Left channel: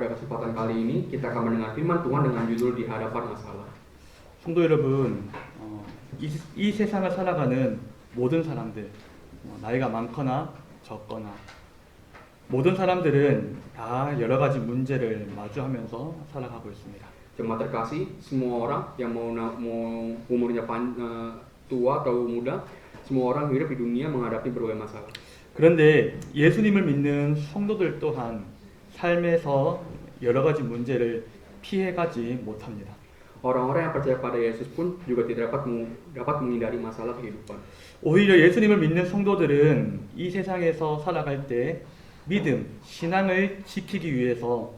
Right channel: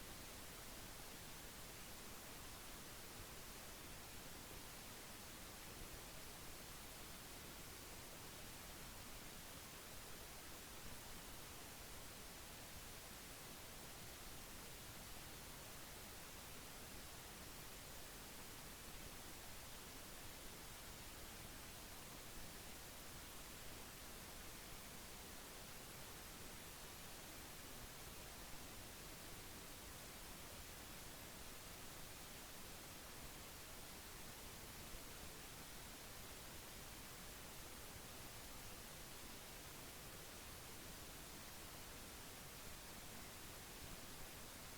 pada kesempatan kali ini kita akan mendengar firman Tuhan dengan judul Di Hadapan Masalah. 성도 여러분, 이 세상을 살아가는 모든 사람들, 나이가 많거나 적거나 모든 사람들은 다 여러 가지 문제를 마주하면서 살아가고 있습니다. Jemaat terkasih, semua orang yang mau umurnya tua atau muda, semua orang hidup di dunia menghadapi berbagai masalah. 그런데 예수님을 믿는 성도들 또한 삶에서 여러 가지 문제를 피해가지 못합니다. Orang-orang yang percaya pada Yesus pun juga tidak dapat menghindari masalah kehidupan. 오히려 예수님을 믿는 성도들은 이 세상에서 살아갈 때 믿음, 신앙을 지키기 위해서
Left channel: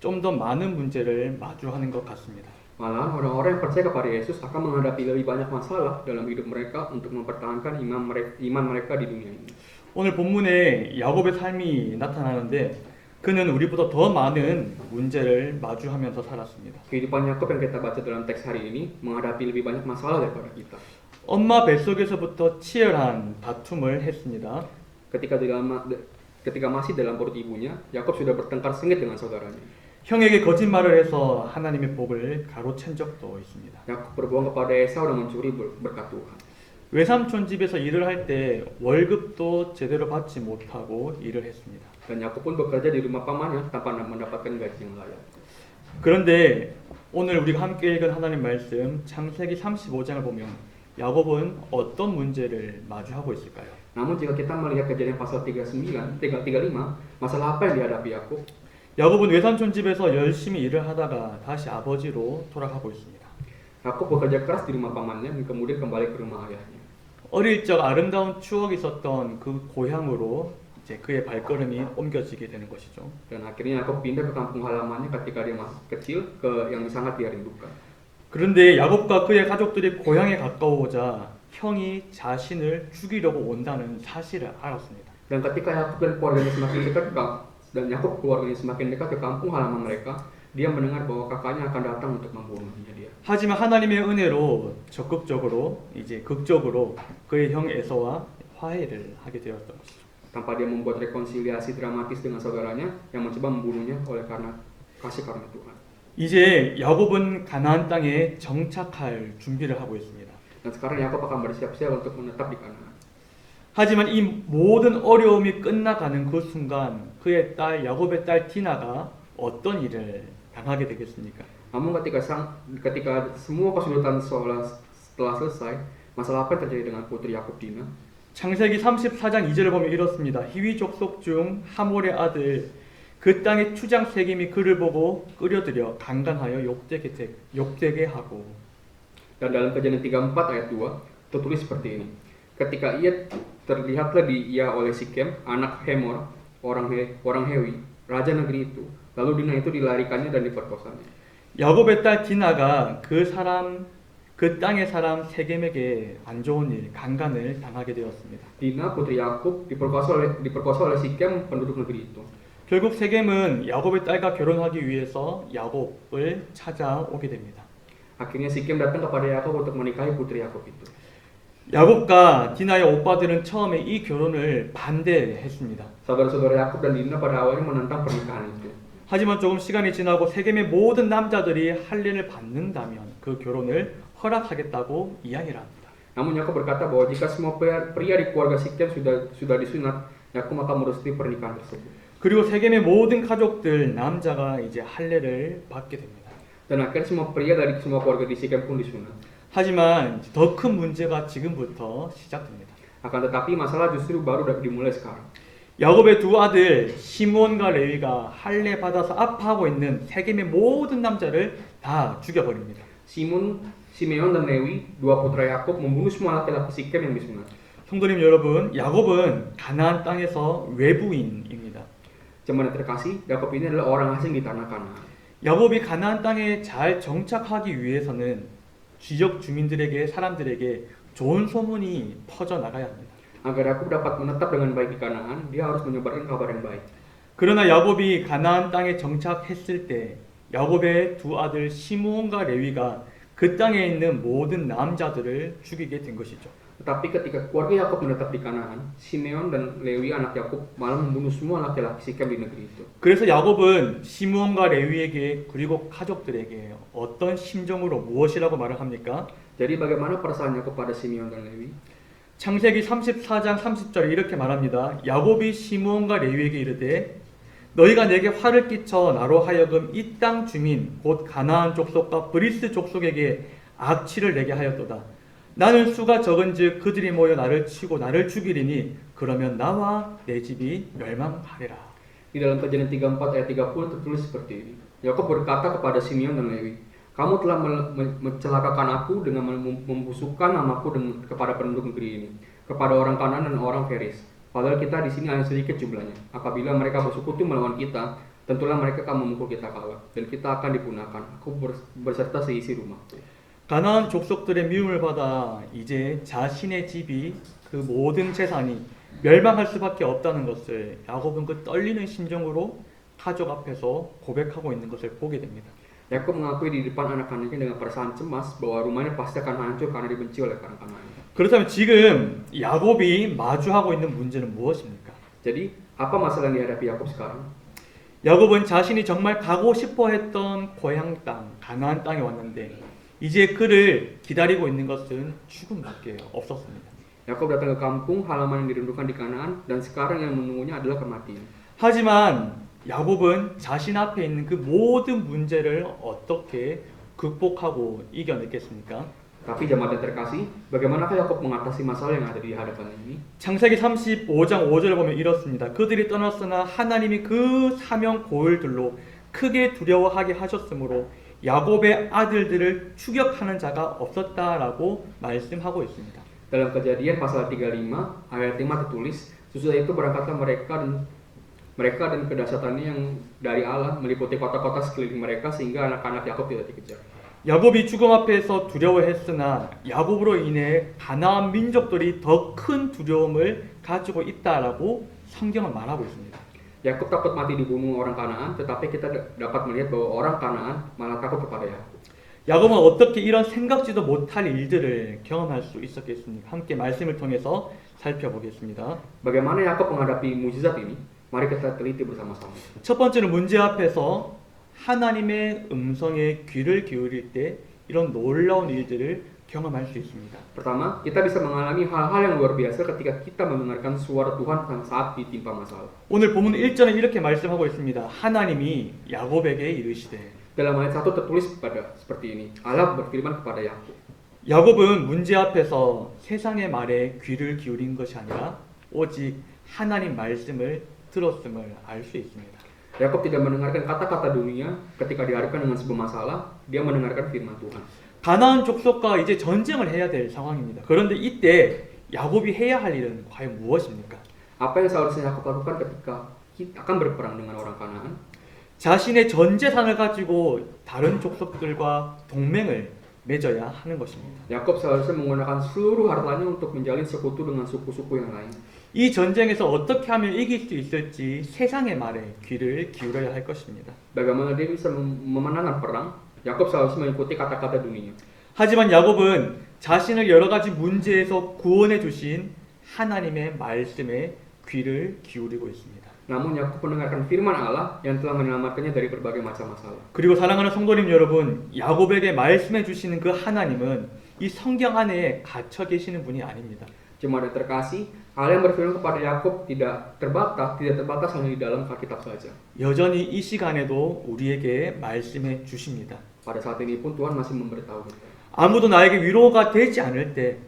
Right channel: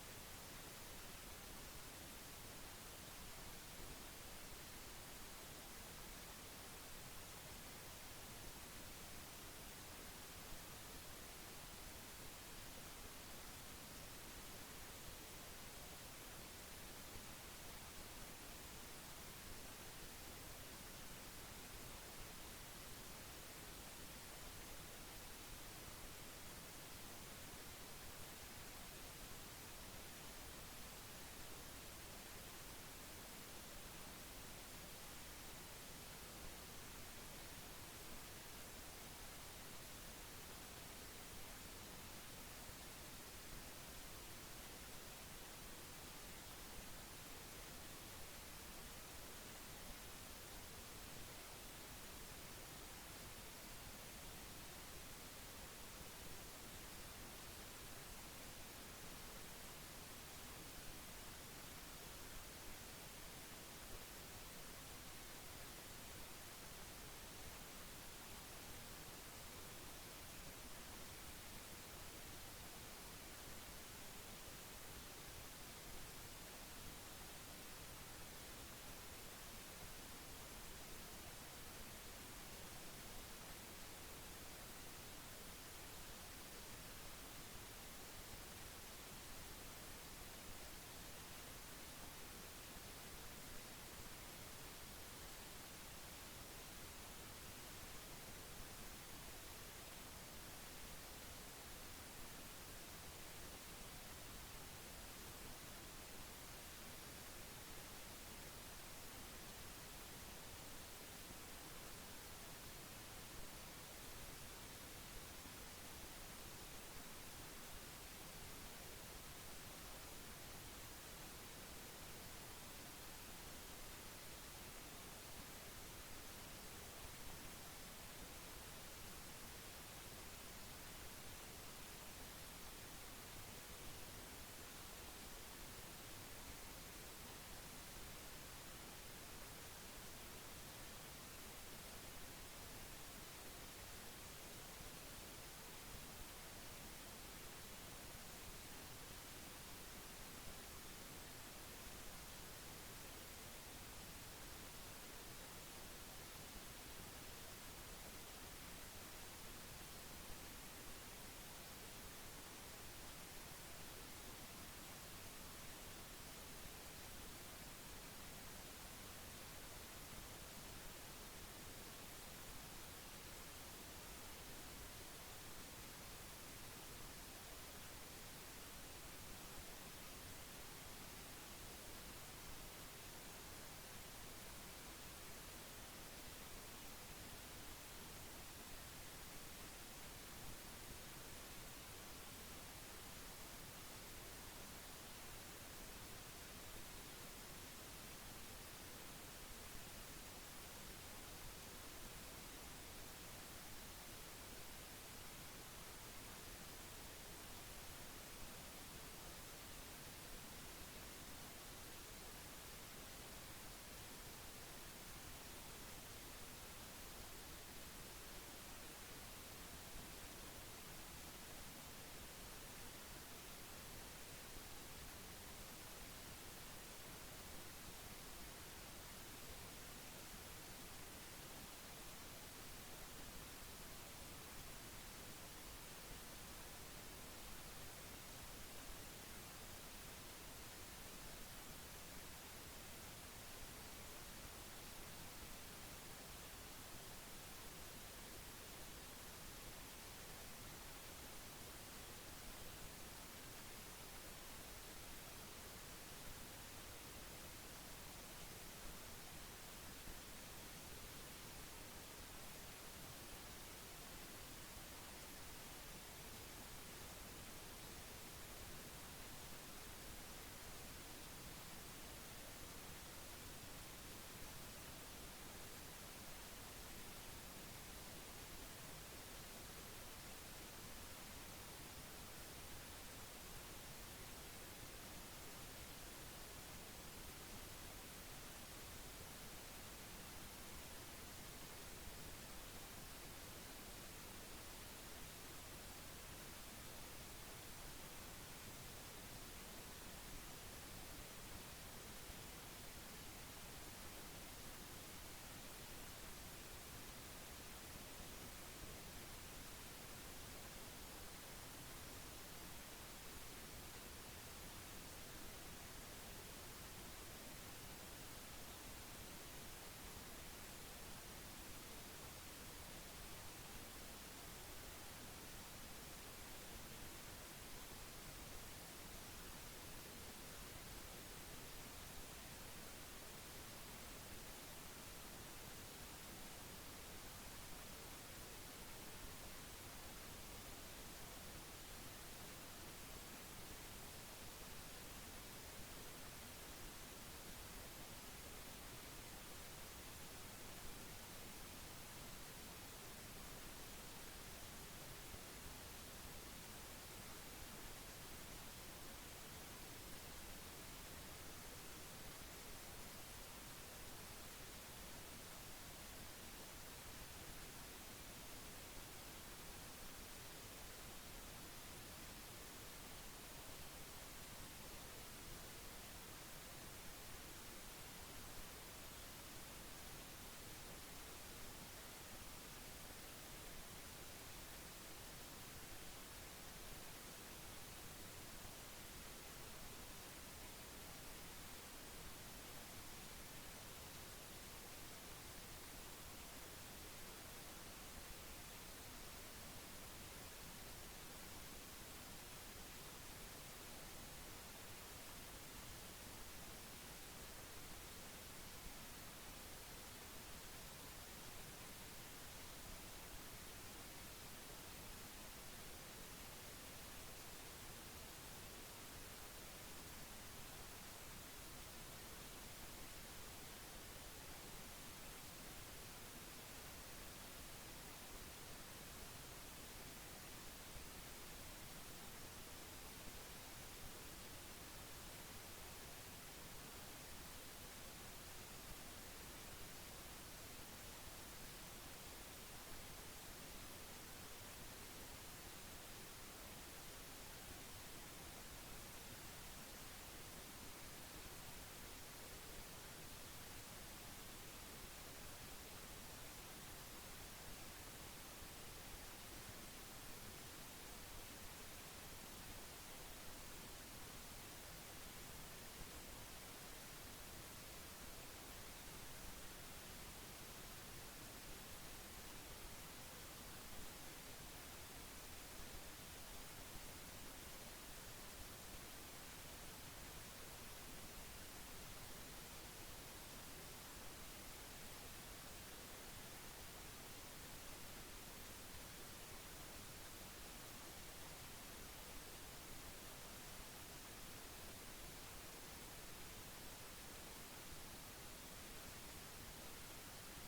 좀 더 많은 문제를 마주하는 것 같습니다. Malahan orang-orang yang percaya kepada Yesus akan menghadapi lebih banyak masalah dalam hidup mereka untuk mempertahankan iman mereka di dunia ini. 오늘 본문에 야곱의 삶이 나타나는데 그는 우리보다 더 많은 문제를 마주하면서 살았습니다. Kehidupan Yakub yang kita baca dalam teks hari ini menghadapi lebih banyak masalah daripada kita. 엄마 뱃속에서부터 치열한 다툼을 했습니다. Ketika masih dalam perut ibunya, Yakub sudah bertengkar sengit dengan saudaranya. 형에게 거짓말을 해서 하나님의 복을 가로챈 적도 있습니다. Yakub berbohong kepada Esau dan mencuri berkat Tuhan. 외삼촌 집에서 일을 할 때 월급도 제대로 받지 못하고 일을 했습니다. Dan Yakub pun bekerja di rumah pamannya tanpa mendapatkan gaji yang layak. 그런데 오늘 우리가 함께 읽은 하나님 말씀 창세기 35장을 보면 야곱은 어떤 문제를 마주하고 있을까요? Namun jika kita melihat kejadian pasal 35, masalah apa yang dihadapi Yakub? 야곱은 외삼촌 집에서 열심히 일을 하다가 다시 아버지로 돌아가고 있습니다. Yakub bekerja keras di rumah pamannya dan kemudian kembali ke rumah ayahnya. 어릴 적 아름다운 추억이 있었던 그 고향으로 이제 그의 발걸음이 옮겨지게 되는 것이죠. Dan akhirnya Yakub pindah ke kampung halamannya ketika dia masih kecil ke yang sangat dia rindukan. 그런데 야곱과 그의 가족들이 고향에 가까워오자 형이 자신을 죽이려고 온다는 사실을 알았습니다. Dan ketika Yakub dan keluarganya semakin dekat ke kampung halaman mereka, dia mendengar bahwa kakaknya akan datang untuk membunuhnya dia. 하지만 하나님의 은혜로 적극적으로 이제 극적으로 그의 형 에서와 화해를 하게 되었던 것이죠. Tanpa dia membuat rekonsiliasi dramatis dengan saudaranya yang mencoba membunuhnya oleh karena Tuhan. 이제 야곱은 가나안 땅에 정착할 준비를 하고 있습니다. Dan sekarang Yakub akan bersiap-siap untuk menetap di Kanaan. 하지만 이 모든 어려움이 끝나가는 그 순간 그의 딸 야곱의 딸 디나가 어떤 일을 당하게 되겠습니까? Namun ketika semua kesulitan setelah selesai, masalah apa yang terjadi dengan putri Yakub Dina? 창세기 34장 2절을 보면 이렇습니다. 히위 족속 중 하몰의 아들 그 땅의 추장 세겜이 그를 보고 끌어들여 강간하여 욕되게 하고. Dan dalam Kejadian 34 ayat 2 tertulis seperti ini. Ketika terlihatlah dia oleh Sikem, anak Hemor, orang Hewi, raja negeri itu. Lalu Dina itu dilarikannya dan diperkosanya. 야곱의 딸 디나가 그 땅의 사람 세겜에게 안 좋은 일, 강간을 당하게 되었습니다. Dina putri Yakub diperkosa oleh Sikem, penduduk negeri itu. 결국 세겜은 야곱의 딸과 결혼하기 위해서 야곱을 찾아오게 됩니다. Akhirnya Sikem datang kepada Yakub untuk menikahi putri Yakub itu. 야곱과 디나의 오빠들은 처음에 이 결혼을 반대했습니다. Saudara-saudara Yakub dan Dina pada awalnya menentang pernikahan itu. 하지만 조금 시간이 지나고 세겜의 모든 남자들이 할례를 받는다면 그 결혼을 허락하겠다고 이야기를 합니다. Namun Yakub berkata bahwa jika semua pria di keluarga Sikem sudah disunat, Yakub akan merestui pernikahan tersebut. 그리고 세겜의 모든 가족들 남자가 이제 할례를 받게 됩니다. Dan akhirnya semua pria dari semua keluarga di Sikem pun disunat. 하지만 더 큰 문제가 지금부터 시작됩니다. Akan tetapi masalah justru baru dimulai sekarang. 야곱의 두 아들 시므온과 레위가 할례 받아서 아파하고 있는 세겜의 모든 남자를 다 죽여버립니다. Simeon dan Lewi, dua putra Yakub membunuh semua laki-laki Sikem yang disunat. 성도님 여러분, 야곱은 가나안 땅에서 외부인입니다. Jemaat terkasih, Yakub ini adalah orang asing di tanah Kanaan. 야곱이 가나안 땅에 잘 정착하기 위해서는 지역 사람들에게 좋은 소문이 퍼져 나가야 합니다. Agar Yakub dapat menetap dengan baik di Kanaan, dia harus menyebarkan kabar yang baik. 그러나 야곱이 가나안 땅에 정착했을 때 야곱의 두 아들 시므온과 레위가 그 땅에 있는 모든 남자들을 죽이게 된 것이죠. Tetapi ketika keluarga Yakub menetap di Kanaan, Simeon dan Lewi anak Yakub malah membunuh semua laki-laki Sikem di negeri itu. 그래서 야곱은 시므온과 레위에게 그리고 가족들에게 어떤 심정으로 무엇이라고 말을 합니까? Jadi bagaimana perasaan Yakub pada Simeon dan Lewi? 창세기 34장 30절에 이렇게 말합니다. 야곱이 시므온과 레위에게 이르되 너희가 내게 화를 끼쳐 나로 하여금 이 땅 주민 곧 가나안 족속과 브리스 족속에게 악취를 내게 하였도다. 나는 수가 적은즉 그들이 모여 나를 치고 나를 죽이리니 그러면 나와 내 집이 멸망하리라. Di dalam Kejadian 34 ayat 30 tertulis seperti ini. Yakub berkata kepada Simeon dan Lewi, kamu telah mencelakakan aku dengan membusukkan namaku kepada penduduk negeri ini, kepada orang Kanaan dan orang Feris. Padahal kita di sini hanya sedikit jumlahnya. Apabila mereka bersekutu melawan kita, tentulah mereka akan memukul kita kalah dan kita akan dipunahkan. Aku berserta seisi rumahku. 가나안 족속들의 미움을 받아 이제 자신의 집이 그 모든 재산이 멸망할 수밖에 없다는 것을 야곱은 그 떨리는 심정으로 가족 앞에서 고백하고 있는 것을 보게 됩니다. Yakub mengakui di depan anak-anaknya dengan perasaan cemas bahwa rumahnya pasti akan hancur karena dibenci oleh orang Kanaan. 그렇다면 지금 야곱이 마주하고 있는 문제는 무엇입니까? Jadi, apa masalah yang dihadapi Yakub sekarang? 야곱은 자신이 정말 가고 싶어 했던 고향 땅, 가나안 땅에 왔는데 이제 그를 기다리고 있는 것은 죽음밖에 없었습니다. Yakub datang ke kampung halaman yang dirindukan di Kanaan dan sekarang yang menunggunya adalah kematian. 하지만 야곱은 자신 앞에 있는 그 모든 문제를 어떻게 극복하고 이겨냈겠습니까? Tapi jemaat yang terkasih, bagaimanakah Yakub mengatasi masalah yang ada di hadapan ini? 창세기 35장 5절을 보면 이렇습니다. 그들이 떠났으나 하나님이 그 사명 고을들로 크게 두려워하게 하셨으므로 야곱의 아들들을 추격하는 자가 없었다라고 말씀하고 있습니다. Dalam Kejadian pasal 35 ayat 5 tertulis, sesudah itu berangkatlah mereka dan kedahsyatannya yang dari Allah meliputi kota-kota sekeliling mereka sehingga anak-anak Yakub tidak dikejar. 야곱이 죽음 앞에서 두려워했으나 야곱으로 인해 가나안 민족들이 더 큰 두려움을 가지고 있다라고 성경은 말하고 있습니다. Yakub takut mati dibunuh orang Kanaan, tetapi kita dapat melihat bahwa orang Kanaan malah takut kepada Yakub. 야곱은 어떻게 이런 생각지도 못할 일들을 경험할 수 있었겠습니까? 함께 말씀을 통해서 살펴보겠습니다. Bagaimana Yakub menghadapi mukjizat ini? Mari kita teliti bersama-sama. 첫 번째는 문제 앞에서 하나님의 음성에 귀를 기울일 때 이런 놀라운 일들을 경험할 수 있습니다. Pertama, kita bisa mengalami hal-hal yang luar biasa ketika kita mendengarkan suara Tuhan saat ditimpa masalah. 오늘 본문 1절은 이렇게 말씀하고 있습니다. 하나님이 야곱에게 이르시되 Dalam ayat 1 tertulis seperti ini. Allah berfirman kepada Yakub. 야곱은 문제 앞에서 세상의 말에 귀를 기울인 것이 아니라 오직 하나님 말씀을 들었음을 알 수 있습니다. Yakub tidak mendengarkan kata-kata dunia ketika dihadapkan dengan sebuah masalah, dia mendengarkan firman Tuhan. 가나안 족속과 이제 전쟁을 해야 될 상황입니다. 그런데 이때 야곱이 해야 할 일은 과연 무엇입니까? Apa yang seharusnya Yakub lakukan ketika kita akan berperang dengan orang Kanaan? 자신의 전 재산을 가지고 다른 족속들과 동맹을 맺어야 하는 것입니다. Yakub seharusnya menggunakan seluruh hartanya untuk menjalin sekutu dengan suku-suku yang lain. 이 전쟁에서 어떻게 하면 이길 수 있을지 세상의 말에 귀를 기울여야 할 것입니다. Bagaimana dia bisa memenangkan perang? Yakub seharusnya mengikuti kata-kata dunia. 하지만 야곱은 자신을 여러 가지 문제에서 구원해 주신 하나님의 말씀에 귀를 기울이고 있습니다. Namun Yakub mendengarkan firman Allah yang telah menyelamatkannya dari berbagai macam masalah. 그리고 사랑하는 성도님 여러분, 야곱에게 말씀해 주시는 그 하나님은 이 성경 안에 갇혀 계시는 분이 아닙니다. Jemaat yang terkasih, Allah yang berfirman kepada Yakub tidak terbatas hanya di dalam Alkitab saja. 여전히 이 시간에도 우리에게 말씀해 주십니다. Pada saat ini pun Tuhan masih memberitahu kita. 아무도 나에게 위로가 되지 않을 때,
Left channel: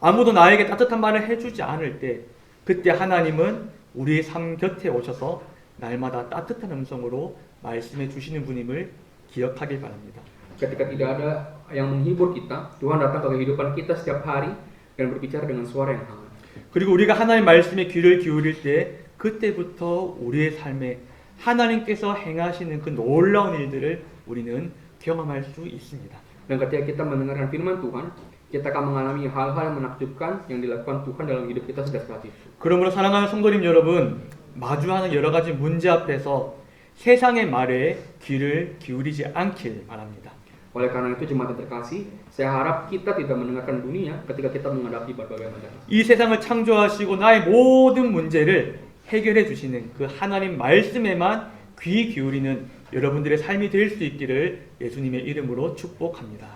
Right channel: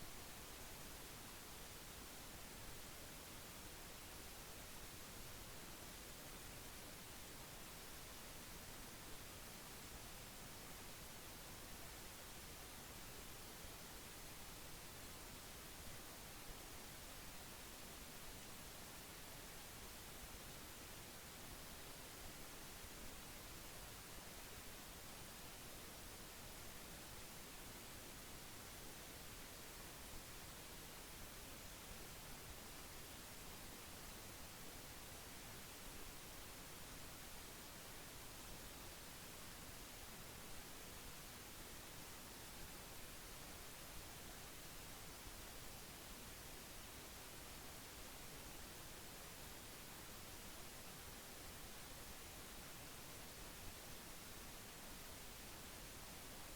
아무도 나에게 따뜻한 말을 해주지 않을 때, 그때 하나님은 우리의 삶 곁에 오셔서 날마다 따뜻한 음성으로 말씀해 주시는 분임을 기억하길 바랍니다. Ketika tidak ada yang menghibur kita, Tuhan datang ke kehidupan kita setiap hari dan berbicara dengan suara yang hangat. 그리고 우리가 하나님 말씀에 귀를 기울일 때 그때부터 우리의 삶에 하나님께서 행하시는 그 놀라운 일들을 우리는 경험할 수 있습니다. Dan ketika kita mendengarkan firman Tuhan, kita akan mengalami hal-hal yang menakjubkan yang dilakukan Tuhan dalam hidup kita sejak saat itu. 그러므로 사랑하는 성도님 여러분, 마주하는 여러 가지 문제 앞에서 세상의 말에 귀를 기울이지 않길 바랍니다. Oleh karena itu jemaat yang terkasih, Saya harap kita tidak mendengarkan dunia ketika kita menghadapi berbagai masalah. 이 세상을 창조하시고 나의 모든 문제를 해결해 주시는 그 하나님 말씀에만 귀 기울이는 여러분들의 삶이 될 수 있기를 예수님의 이름으로 축복합니다.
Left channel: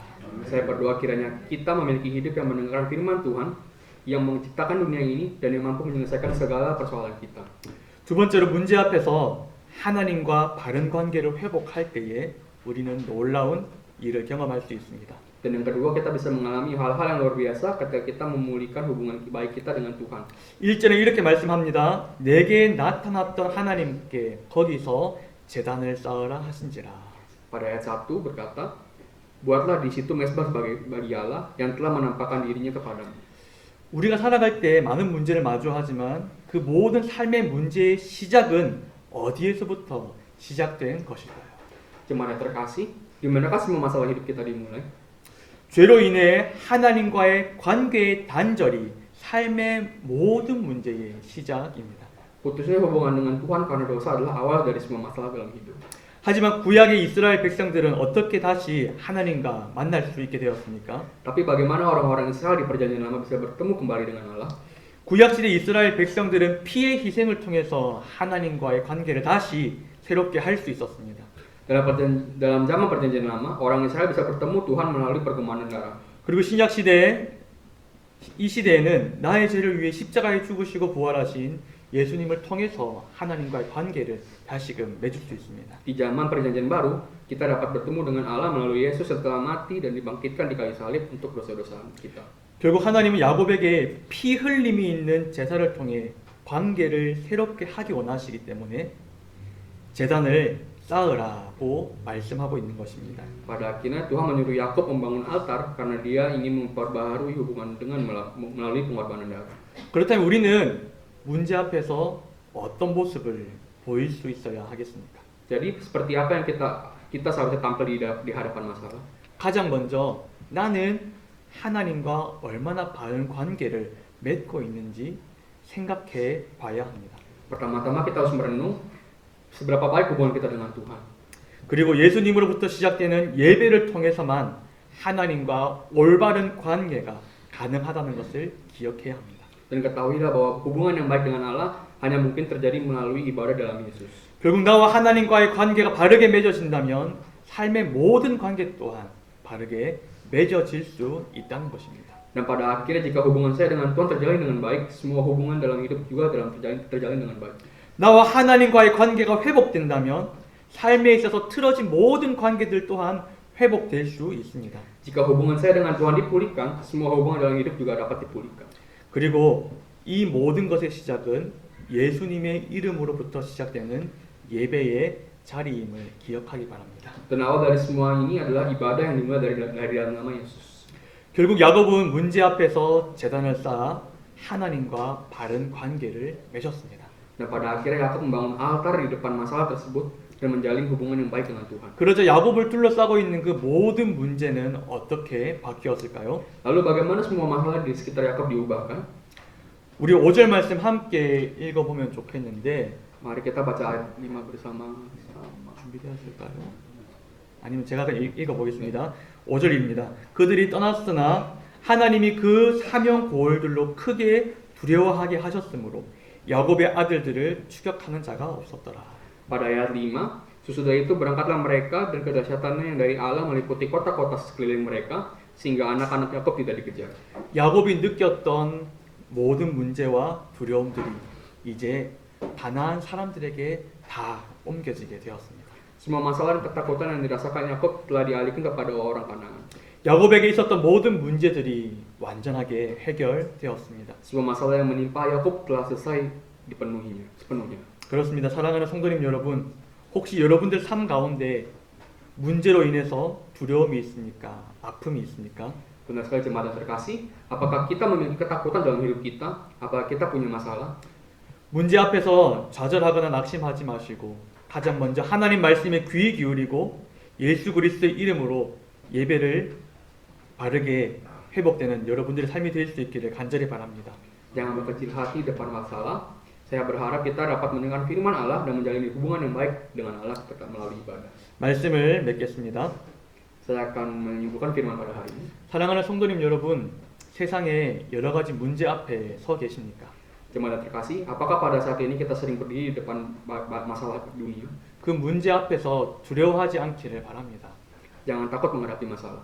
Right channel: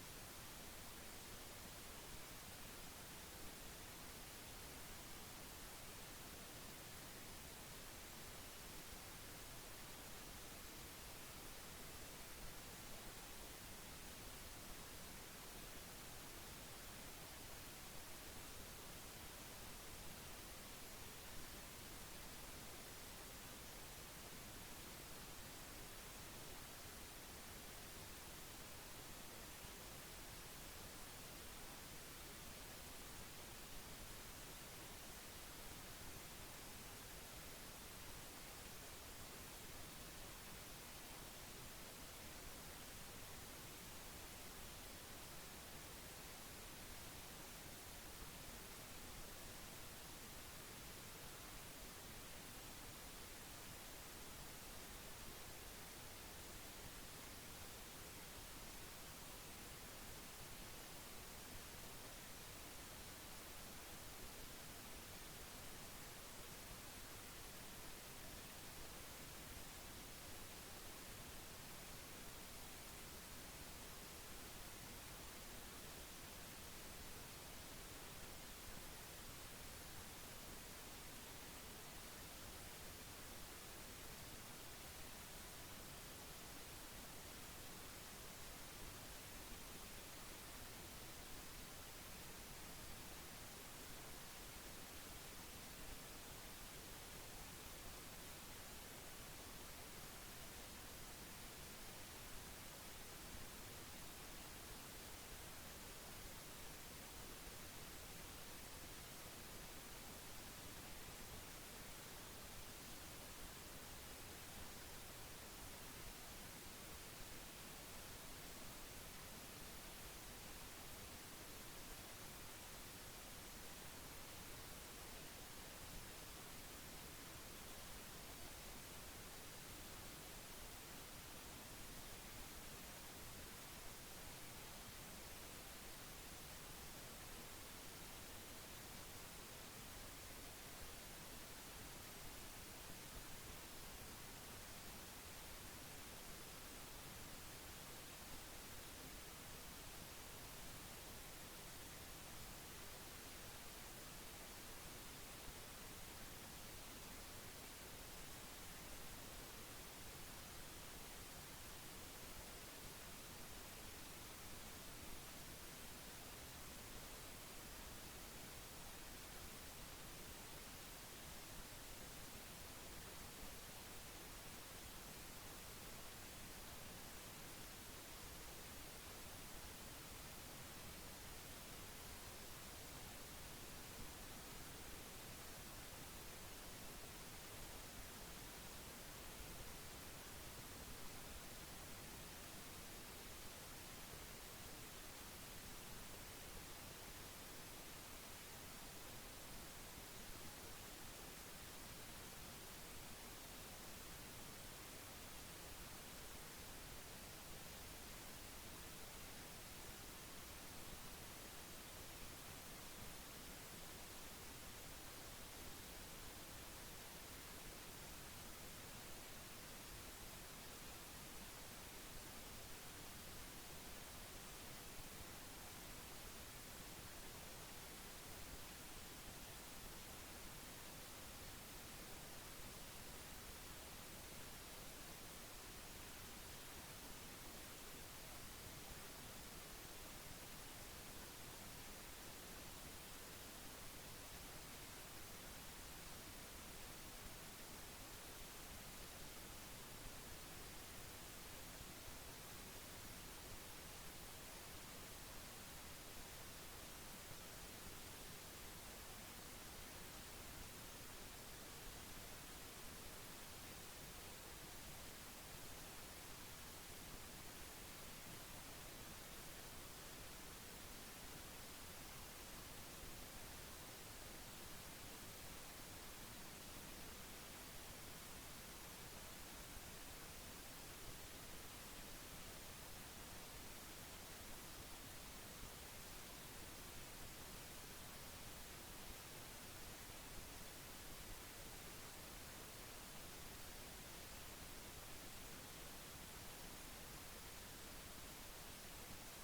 Saya berdoa kiranya kita memiliki hidup yang mendengarkan firman Tuhan yang menciptakan dunia ini dan yang mampu menyelesaikan segala persoalan kita. 두 번째로 문제 앞에서 하나님과 바른 관계를 회복할 때에 우리는 놀라운 일을 경험할 수 있습니다. Dan yang kedua kita bisa mengalami hal-hal yang luar biasa ketika kita memulihkan hubungan baik kita dengan Tuhan. 1절에 이렇게 말씀합니다. 내게 나타났던 하나님께 거기서 제단을 쌓으라 하신지라. Pada ayat 1 berkata, buatlah di situ mezbah bagi Allah yang telah menampakkan dirinya kepadamu. 우리가 살아갈 때 많은 문제를 마주하지만 그 모든 삶의 문제의 시작은 어디에서부터 시작된 것일까요? Jemaat yang terkasih, di manakah semua masalah hidup kita dimulai? 죄로 인해 하나님과의 관계의 단절이 삶의 모든 문제의 시작입니다. Putusnya hubungan dengan Tuhan karena dosa adalah awal dari semua masalah dalam hidup. 하지만 구약의 이스라엘 백성들은 어떻게 다시 하나님과 만날 수 있게 되었습니까? Tapi bagaimana orang-orang Israel di perjanjian lama bisa bertemu kembali dengan Allah? 구약시대 이스라엘 백성들은 피의 희생을 통해서 하나님과의 관계를 다시 새롭게 할 수 있었습니다. Dalam zaman perjanjian lama, orang Israel bisa bertemu Tuhan melalui pertumpahan darah. 그리고 신약 시대에 이 시대에는 나의 죄를 위해 십자가에 죽으시고 부활하신 예수님을 통해서 하나님과의 관계를 다시금 맺을 수 있습니다. Di zaman perjanjian baru, kita dapat bertemu dengan Allah melalui Yesus yang telah mati dan dibangkitkan di kayu salib untuk dosa-dosa kita. 결국 하나님은 야곱에게 피 흘림이 있는 제사를 통해 관계를 새롭게 하기 원하시기 때문에 제단을 쌓으라고 말씀하고 있는 것입니다. Pada akhirnya Tuhan menyuruh Yakub membangun altar karena dia ingin memperbaharui hubungan dengan melalui pengorbanan darah. 그렇다면 우리는 문제 앞에서 어떤 모습을 보일 수 있어야 하겠습니까? Jadi seperti apa yang kita seharusnya tampil di hadapan masalah? 가장 먼저 나는 하나님과 얼마나 바른 관계를 맺고 있는지 생각해 봐야 합니다. Pertama-tama kita harus merenung seberapa baik hubungan kita dengan Tuhan. 그리고 예수님으로부터 시작되는 예배를 통해서만 하나님과 올바른 관계가 가능하다는 것을 기억해야 합니다. Dan ketahuilah bahwa hubungan yang baik dengan Allah hanya mungkin terjadi melalui ibadah dalam Yesus. 결국 나와 하나님과의 관계가 바르게 맺어진다면 삶의 모든 관계 또한 바르게 맺어질 수 있다는 것입니다. Dan pada akhirnya jika hubungan saya dengan Tuhan terjalin dengan baik, semua hubungan dalam hidup juga terjalin dengan baik. 나와 하나님과의 관계가 회복된다면 삶에 있어서 틀어진 모든 관계들 또한 회복될 수 있습니다. Jika hubungan saya dengan Tuhan dipulihkan, semua hubungan dalam hidup juga dapat dipulihkan. 그리고 이 모든 것의 시작은 예수님의 이름으로부터 시작되는 예배의 자리임을 기억하기 바랍니다. Dan awal dari semua ini adalah ibadah yang dimulai dari dalam nama Yesus. 결국 야곱은 문제 앞에서 제단을 쌓아 하나님과 바른 관계를 맺었습니다. Dan pada akhirnya Yakub membangun altar di depan masalah tersebut dan menjalin hubungan yang baik dengan Tuhan. 그러자 야곱을 둘러싸고 있는 그 모든 문제는 어떻게 바뀌었을까요? Lalu bagaimana semua masalah di sekitar Yakub diubahkan? 우리 5절 말씀 함께 읽어보면 좋겠는데 Mari kita baca ayat 5 bersama. 준비되었을까요? 아니면 제가 읽어보겠습니다. 5절입니다. 그들이 떠났으나 하나님이 그 사명 고을들로 크게 두려워하게 하셨으므로 야곱의 아들들을 추격하는 자가 없었더라. Pada ayat 5, sesudah itu berangkatlah mereka dan kedahsyatannya yang dari Allah meliputi kota-kota sekeliling mereka sehingga anak-anak Yakub tidak dikejar. 야곱이 느꼈던 모든 문제와 두려움들이 이제 가나안 사람들에게 다 옮겨지게 되었습니다. Semua masalah dan ketakutan yang dirasakan Yakub telah dialihkan kepada orang Kanaan. 야곱에게 있었던 모든 문제들이 완전하게 해결되었습니다. Semua masalah yang menimpa Yakub telah selesai sepenuhnya. 그렇습니다. 사랑하는 성도님 여러분, 혹시 여러분들 삶 가운데 문제로 인해서 두려움이 있습니까? 아픔이 있습니까? Benar sekali jemaat yang terkasih, apakah kita memiliki ketakutan dalam hidup kita? Apakah kita punya masalah? 문제 앞에서 좌절하거나 낙심하지 마시고 가장 먼저 하나님 말씀에 귀 기울이고 예수 그리스도의 이름으로 예배를 바르게 회복되는 여러분들의 삶이 될 수 있기를 간절히 바랍니다. Jangan berkecil hati depan masalah. Saya berharap kita dapat mendengar firman Allah dan menjalin hubungan yang baik dengan Allah melalui ibadah. 말씀을 맺겠습니다. Saya akan menyuguhkan firman pada hari ini. 사랑하는 성도님 여러분, 세상에 여러 가지 문제 앞에 서 계십니까? Jemaat terkasih, apakah pada saat ini kita sering berdiri di depan masalah dunia? 그 문제 앞에서 두려워하지 않기를 바랍니다. Jangan takut menghadapi masalah.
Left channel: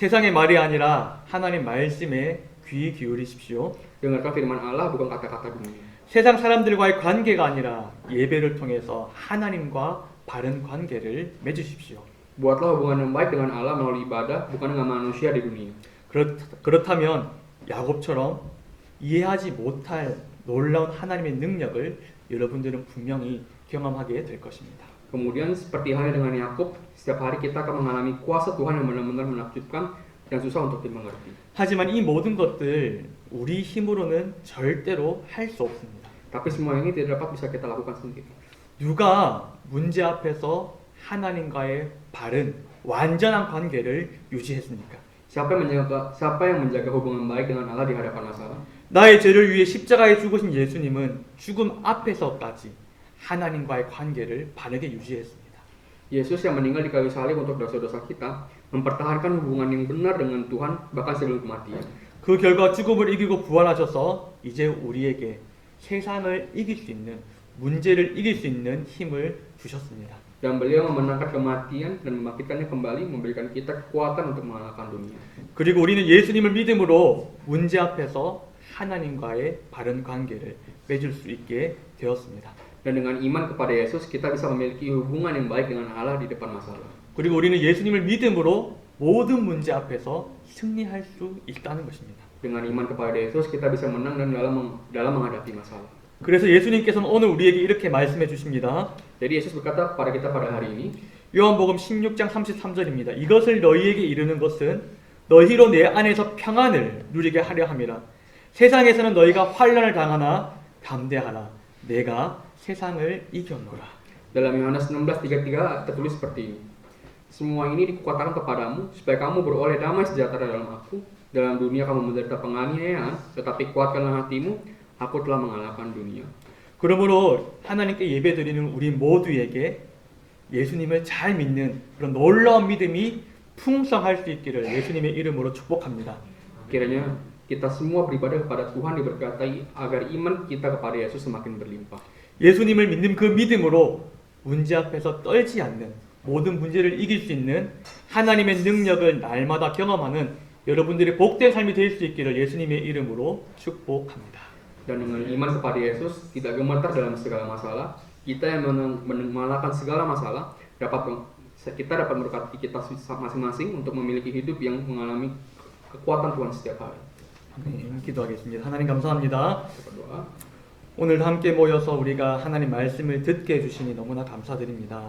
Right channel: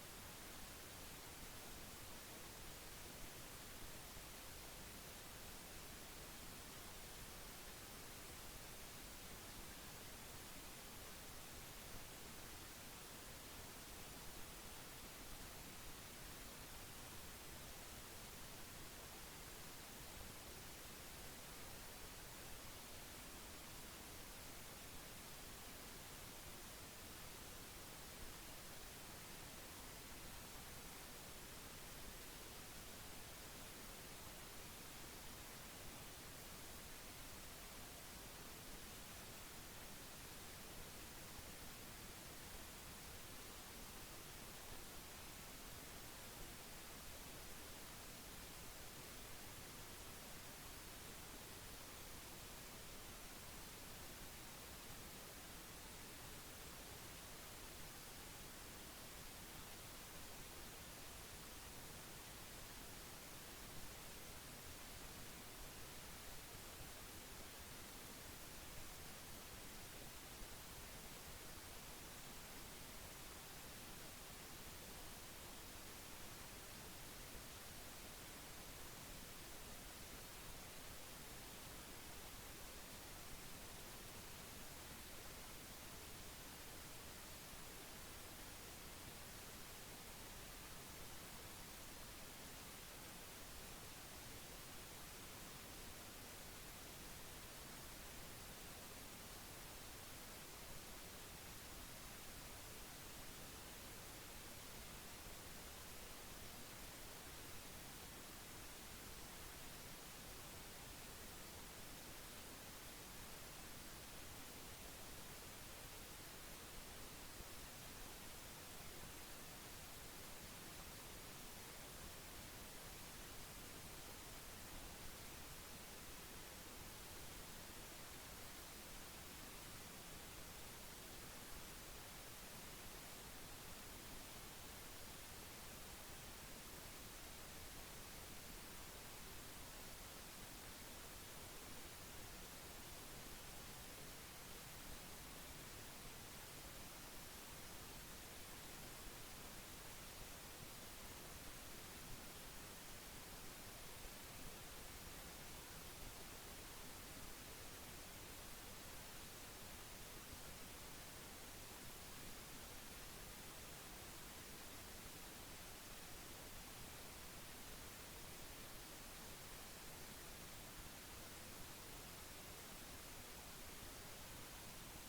세상의 말이 아니라 하나님 말씀에 귀 기울이십시오. Dengarkan firman Allah, bukan kata-kata dunia. 세상 사람들과의 관계가 아니라 예배를 통해서 하나님과 바른 관계를 맺으십시오. Buatlah hubungan yang baik dengan Allah melalui ibadah, bukan dengan manusia di dunia. 그렇다면 야곱처럼 이해하지 못할 놀라운 하나님의 능력을 여러분들은 분명히 경험하게 될 것입니다. Kemudian seperti halnya dengan Yakub, setiap hari kita akan mengalami kuasa Tuhan yang benar-benar menakjubkan dan susah untuk dimengerti. 하지만 이 모든 것들 우리 힘으로는 절대로 할 수 없습니다. Tapi semua ini tidak dapat bisa kita lakukan sendiri. 누가 문제 앞에서 하나님과의 바른 완전한 관계를 유지했습니까? Siapa yang menjaga hubungan baik dengan Allah di hadapan masalah? 나의 죄를 위해 십자가에 죽으신 예수님은 죽음 앞에서까지 하나님과의 관계를 바르게 유지했습니다. Yesus yang meninggal di kayu salib untuk dosa-dosa kita, mempertahankan hubungan yang benar dengan Tuhan bahkan sebelum kematian. 그 결과 죽음을 이기고 bu활하셔서 이제 우리에게 세상을 이길 수 있는, 문제를 이길 수 있는 힘을 주셨습니다. Dan beliau memenangkan kematian dan membangkitkannya kembali, memberikan kita kekuatan untuk mengalahkan dunia. 그리고 우리는 예수님을 믿음으로 문제 앞에서 하나님과의 바른 관계를 맺을 수 있게 되었습니다. Dan dengan iman kepada Yesus, kita bisa memiliki hubungan yang baik dengan Allah di depan masalah. 그리고 우리는 예수님을 믿음으로 모든 문제 앞에서 승리할 수 있다는 것입니다. Dengan iman kepada Yesus, kita bisa menang dan dalam menghadapi masalah. 그래서 예수님께서는 오늘 우리에게 이렇게 말씀해 주십니다. Jadi Yesus berkata kepada kita pada hari ini, 요한복음 16장 33절입니다. 이것을 너희에게 이르는 것은 너희로 내 안에서 평안을 누리게 하려 함이라. 세상에서는 너희가 환난을 당하나 담대하라. 내가 세상을 이겼노라. dalam Yohanes 16:33 tertulis seperti ini. Semua ini dikukatakan kepadamu supaya kamu beroleh damai sejahtera dalam aku. Dalam dunia kamu menderita penganiayaan, tetapi kuatkanlah hatimu, aku telah mengalahkan dunia. 그러므로 하나님께 예배드리는 우리 모두에게 예수님을 잘 믿는 그런 놀라운 믿음이 풍성할 수 있기를 예수님의 이름으로 축복합니다. Kiranya kita semua beribadah kepada Tuhan diberkatai agar iman kita kepada Yesus semakin berlimpah. 예수님을 믿는 그 믿음으로 문제 앞에서 떨지 않는, 모든 문제를 이길 수 있는 하나님의 능력을 날마다 경험하는 여러분들의 복된 삶이 될 수 있기를 예수님의 이름으로 축복합니다. Dan dengan iman kepada Yesus tidak gemetar dalam segala masalah, kita yang mengalahkan segala masalah, kita dapat memberkati kita masing-masing untuk memiliki hidup yang mengalami kekuatan Tuhan setiap hari. 기도하겠습니다. 하나님 감사합니다. Berdoa. 오늘 함께 모여서 우리가 하나님 말씀을 듣게 해주시니 너무나 감사드립니다.